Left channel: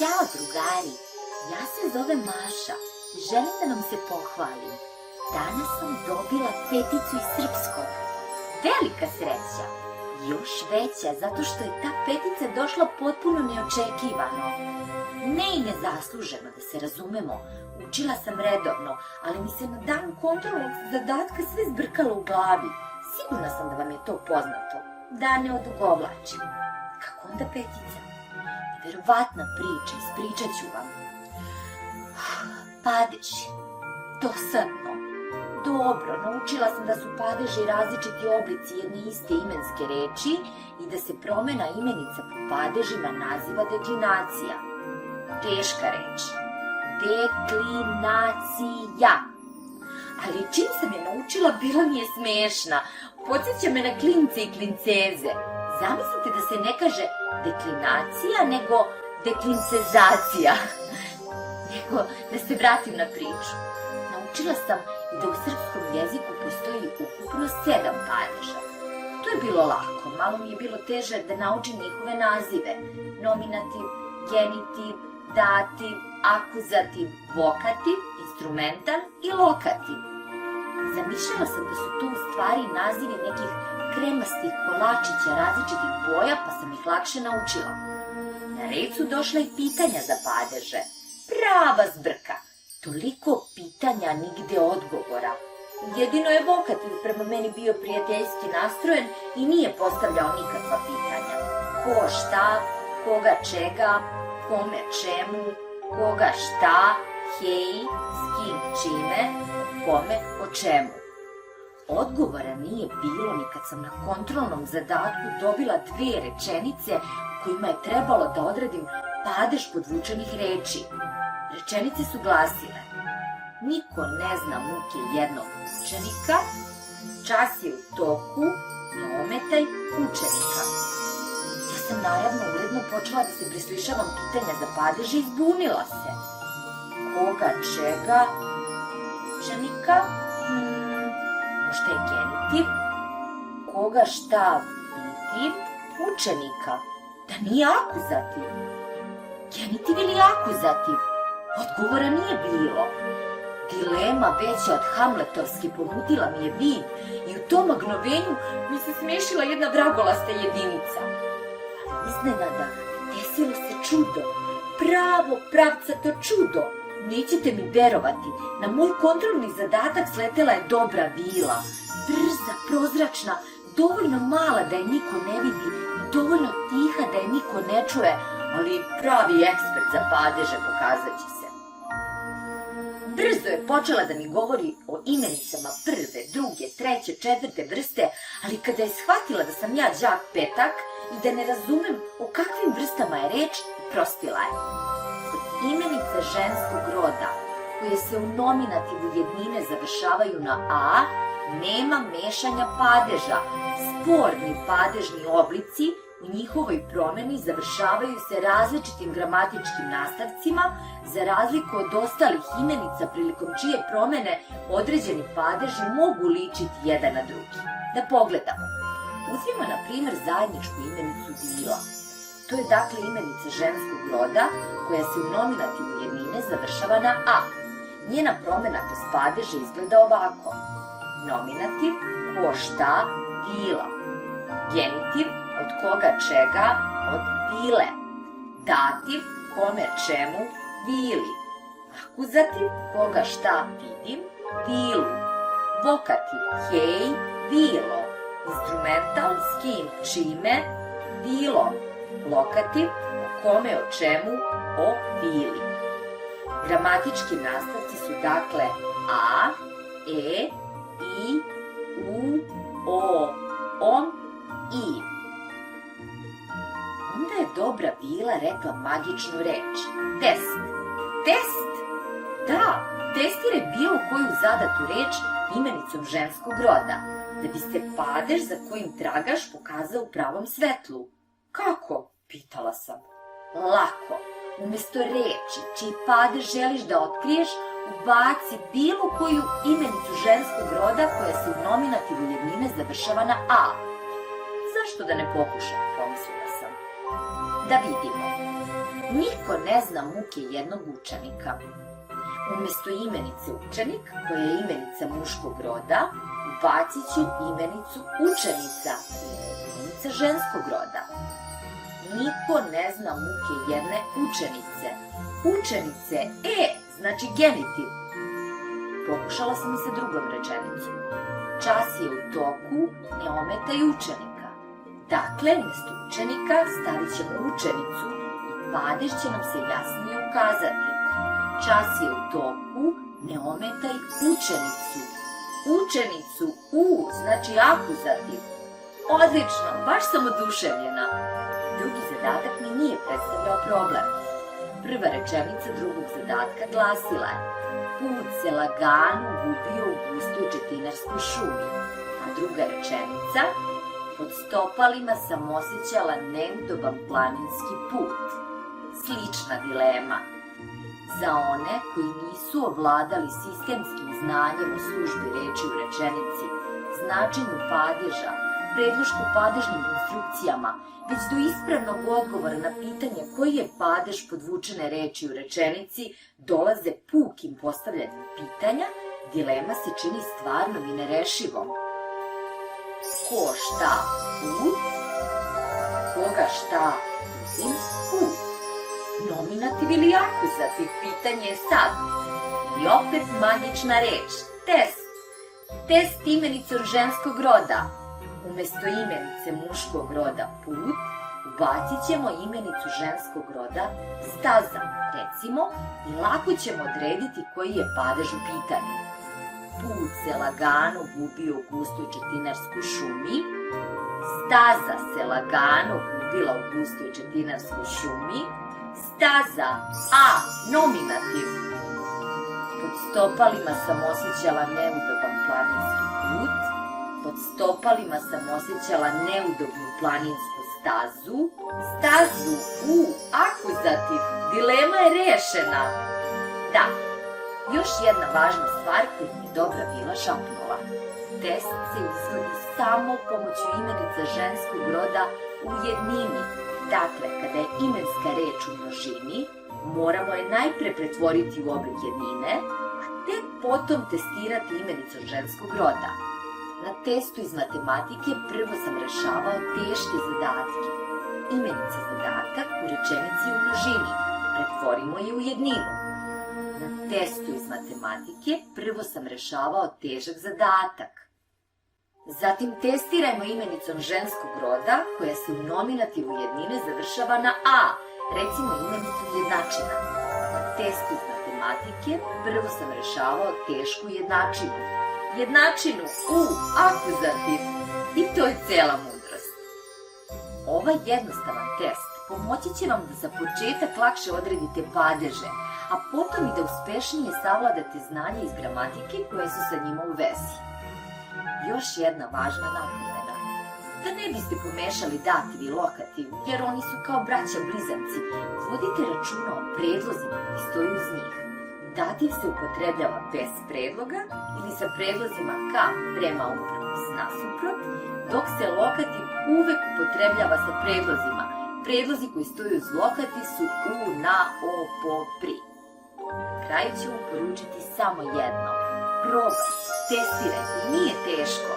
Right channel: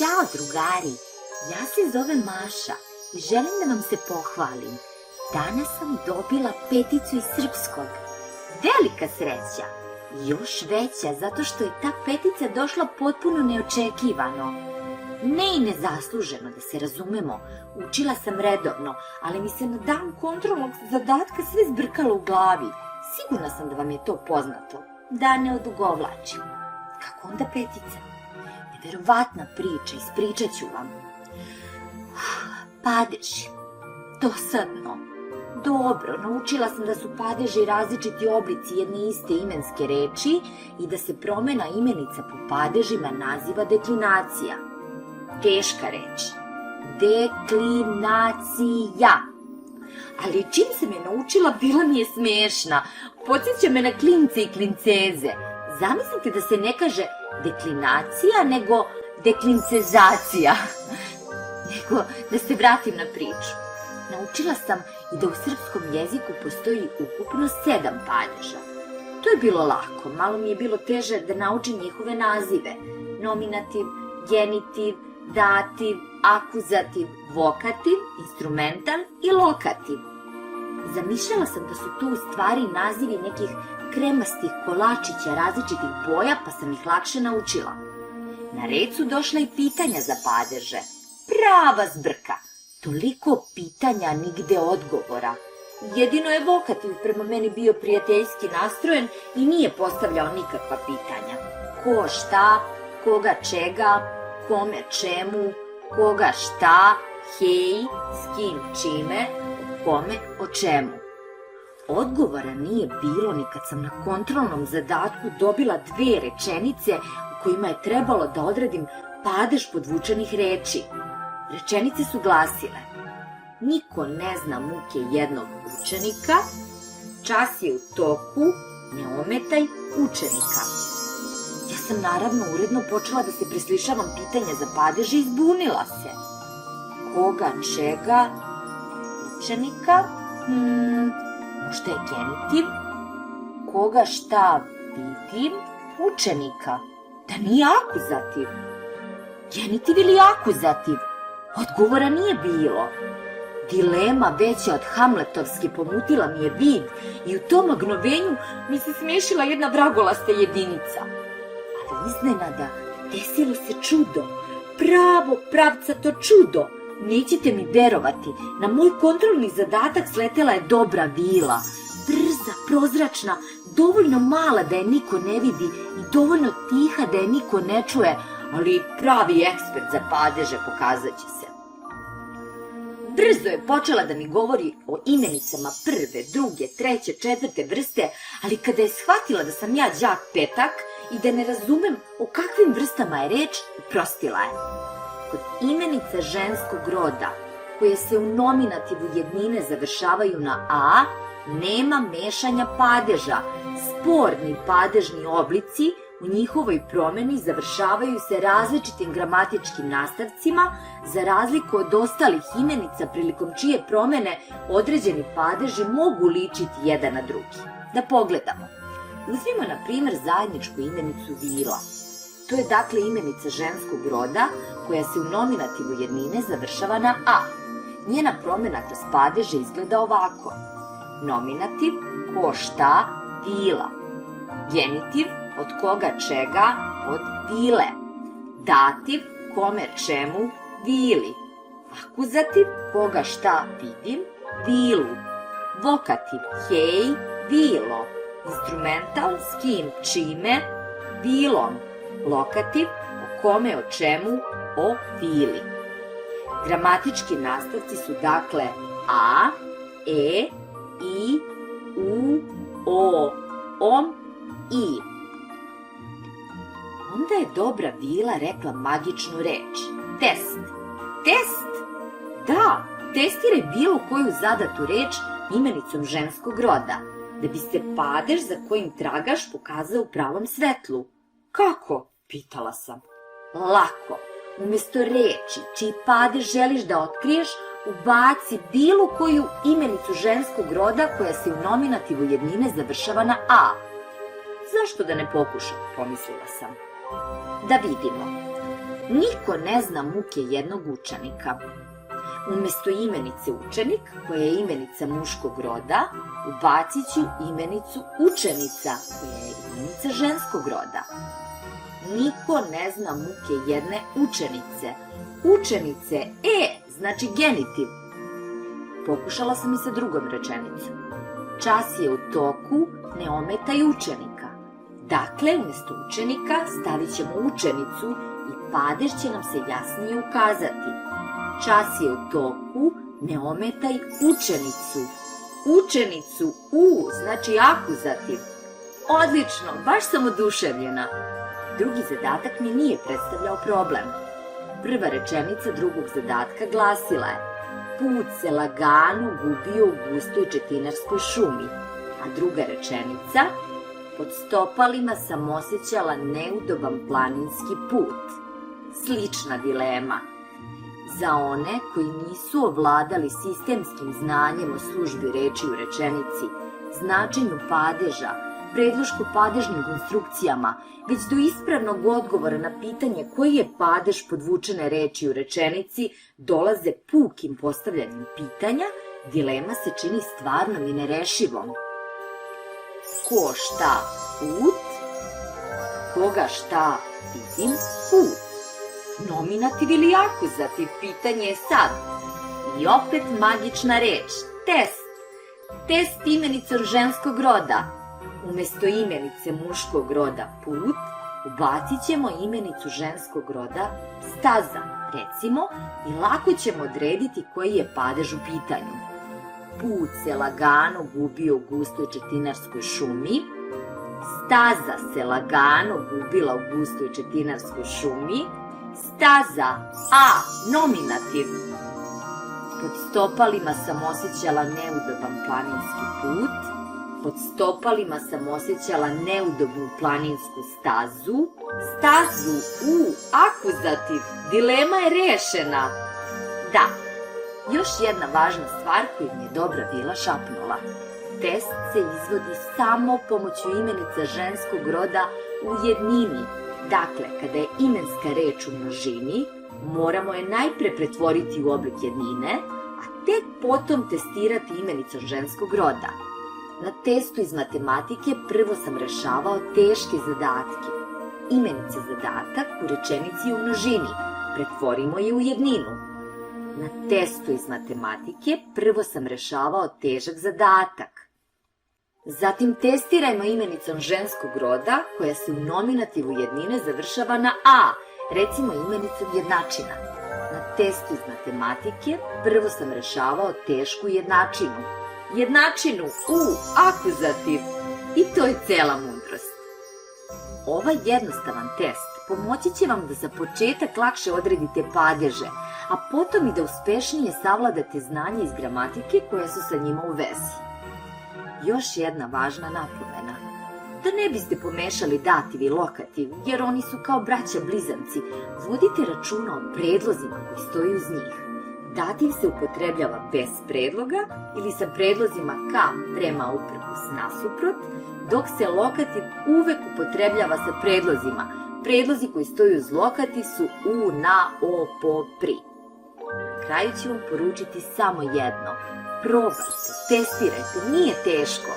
Ćao drugari, ja se zovem Maša i želim da vam se pohvalim. Danas sam dobila 5 iz srpskog. Velika sreća, još veća zato što je ta 5 došla potpuno neočekivano. Ne i nezasluženo, da se razumemo, učila sam redovno, ali mi se na dan kontrolnog zadatka sve zbrkalo u glavi. Sigurna sam da vam je to poznato, da ne odugovlačim. Kako onda 5? Neverovatna priča, ispričat ću vam. Padeži, dosadno. Dobro, naučila sam da su padeži različiti oblici jedne iste imenske reči i da se promena imenica po padežima naziva deklinacija. Teška reč. Deklinacija. Ali čim sam je naučila, bila mi je smešna. Podsjeća me na klince i klinceze. Zamislite da se ne kaže deklinacija, nego deklincezacija. Nego da se vratim na priču. Naučila sam i da u srpskom jeziku postoji ukupno 7 padeža. To je bilo lako, malo mi je bilo teže da naučim njihove nazive. Nominativ, genitiv, dativ, akuzativ, vokativ, instrumental i lokativ. Zamišljala sam da su to u stvari nazivi nekih kremastih kolačića različitih boja, pa sam ih lakše naučila. Na red su došla i pitanja za padeže. Prava zbrka. Toliko pitanja, nigde odgovora. Jedino je vokativ prema meni bio prijateljski nastrojen i nije postavljao nikakva pitanja. Ko šta, koga čega, kome čemu, koga šta, hej, s kim čime, kome o čemu. Odgovora nije bilo ni kad sam na kontrolnom zadatku dobila 2 rečenice u kojima je trebalo da odredim padež podvučenih reči. Rečenice su glasile: niko ne zna muke jednog učenika, čas je u toku, ne ometaj učenika. Ja sam naravno uredno počela da se preslišavam pitanja za padeže i zbunila se. Koga čega, učenika, možda je genitiv, koga šta vidim, učenika, da nije akuzativ. Genitiv ili akuzativ? Odgovora nije bilo. Dilema veća od Hamletovske pomutila mi je vid i u tom magnovenju mi se smešila jedna vragolasta jedinica. Ali iznenada desilo se čudo, pravo pravcato čudo. Nećete mi verovati, na moj kontrolni zadatak sletela je dobra vila. Brza, prozračna, dovoljno mala da je niko ne vidi i dovoljno tiha da je niko ne čuje, ali pravi ekspert za padeže pokazat će se. Brzo je počela da mi govori o imenicama 1., 2., 3., 4. vrste, ali kada je shvatila da sam ja đak petak i da ne razumem o kakvim vrstama je reč, prostila je. Kod imenica ženskog roda, koje se u nominativu jednine završavaju na a, nema mešanja padeža. Sporni padežni oblici u njihovoj promeni završavaju se različitim gramatičkim nastavcima, za razliku od ostalih imenica prilikom čije promene određeni padeži mogu ličiti jedan na drugi. Da pogledamo. Uzmimo na primjer zajedničku imenicu vilo. To je dakle imenica ženskog roda koja se u nominativu jednine završava na a. Njena promena kroz padeže izgleda ovako. Nominativ, ko šta, vila. Genitiv, od koga čega, od vile. Dativ, kome čemu, vili. Akuzativ, koga šta vidim, vilu. Vokativ, hej, vilo. Instrumental, s kim čime, vilom. Lokativ, o kome o čemu, o vili. Gramatički nastavci su dakle a, e, i, u, o, om, i. Onda je dobra vila rekla magičnu reč. Test. Test? Da, testire bilo koju zadatu reč imenicom ženskog roda, da bi se padež za kojim tragaš pokazao u pravom svetlu. Kako? Pitala sam. Lako. Umjesto reči čiji padež želiš da otkriješ, ubaci bilo koju imenicu ženskog roda koja se u nominativu jednine završava na a. Zašto da ne pokušam, pomislila sam. Da vidimo. Niko ne zna muke jednog učenika. Umjesto imenice učenik, koja je imenica muškog roda, ubacit ću imenicu učenica, koja je imenica ženskog roda. Niko ne zna muke jedne učenice. Učenice, znači genitiv. Pokušala sam i sa drugom rečenicom. Čas je u toku, ne ometaj učenika. Dakle, umjesto učenika stavit ćemo učenicu i padež će nam se jasnije ukazati. Čas je u toku, ne ometaj učenicu. Učenicu, znači akuzativ. Odlično, baš sam oduševljena. Drugi zadatak mi nije predstavljao problem. Prva rečenica drugog zadatka glasila je: put se lagano gubio u gustoj četinarskoj šumi. A druga rečenica: pod stopalima sam osjećala neudoban planinski put. Slična dilema. Za one koji nisu ovladali sistemskim znanjem o službi reči u rečenici, značenju padeža, predloško-padežnim konstrukcijama, već do ispravnog odgovora na pitanje koji je padež podvučene reči u rečenici dolaze pukim postavljanjem pitanja, dilema se čini stvarnom i nerešivom. Ko šta put, koga šta vidim put. Nominativ ili akuzativ, pitanje je sad. I opet magična reč, test. Test imenicom ženskog roda. Umjesto imenice muškog roda put, ubacit ćemo imenicu ženskog roda staza, recimo, i lako ćemo odrediti koji je padež u pitanju. Put se lagano gubio u gustoj četinarskoj šumi. Staza se lagano gubila u gustoj četinarskoj šumi. Staza, nominativ. Pod stopalima sam osjećala neudoban planinski put. Pod stopalima sam osjećala neudobnu planinsku stazu. Stazu, akuzativ. Dilema je rešena. Da, još jedna važna stvar koju mi je Dobra bila šapnula. Test se izvodi samo pomoću imenica ženskog roda u jednini. Dakle, kada je imenska reč u množini, moramo je najpre pretvoriti u oblik jednine, a tek potom testirati imenicom ženskog roda. Na testu iz matematike prvo sam rešavao teške zadatke. Imenica zadatak u rečenici u množini, pretvorimo je u jedninu. Na testu iz matematike prvo sam rešavao težak zadatak. Zatim testirajmo imenicom ženskog roda, koja se u nominativu jednine završava na a, recimo imenicom jednačina. Na testu iz matematike prvo sam rešavao tešku jednačinu. Jednačinu, akuzativ. I to je cela mudrost. Ovaj jednostavan test pomoći će vam da za početak lakše odredite padeže, a potom i da uspešnije savladate znanje iz gramatike koje su sa njima u vezi. Još jedna važna napomena. Da ne biste pomešali dativ i lokativ, jer oni su kao braća blizanci, vodite računa o predlozima koji stoji uz njih. Dativ se upotrebljava bez predloga ili sa predlozima ka, prema, uprkos, nasuprot, dok se lokativ uvek upotrebljava sa predlozima. Predlozi koji stoji uz lokativ su u, na, o, po, pri. Na kraju ću vam poručiti samo jedno. Probajte, testirajte, nije teško.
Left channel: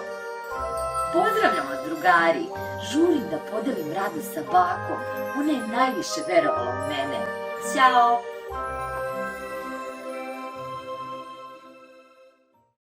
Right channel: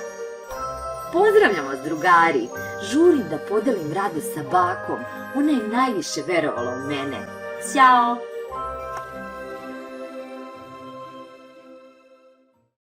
Pozdravljam vas, drugari. Žurim da podelim radost sa bakom. Ona je najviše verovala u mene. Ćao!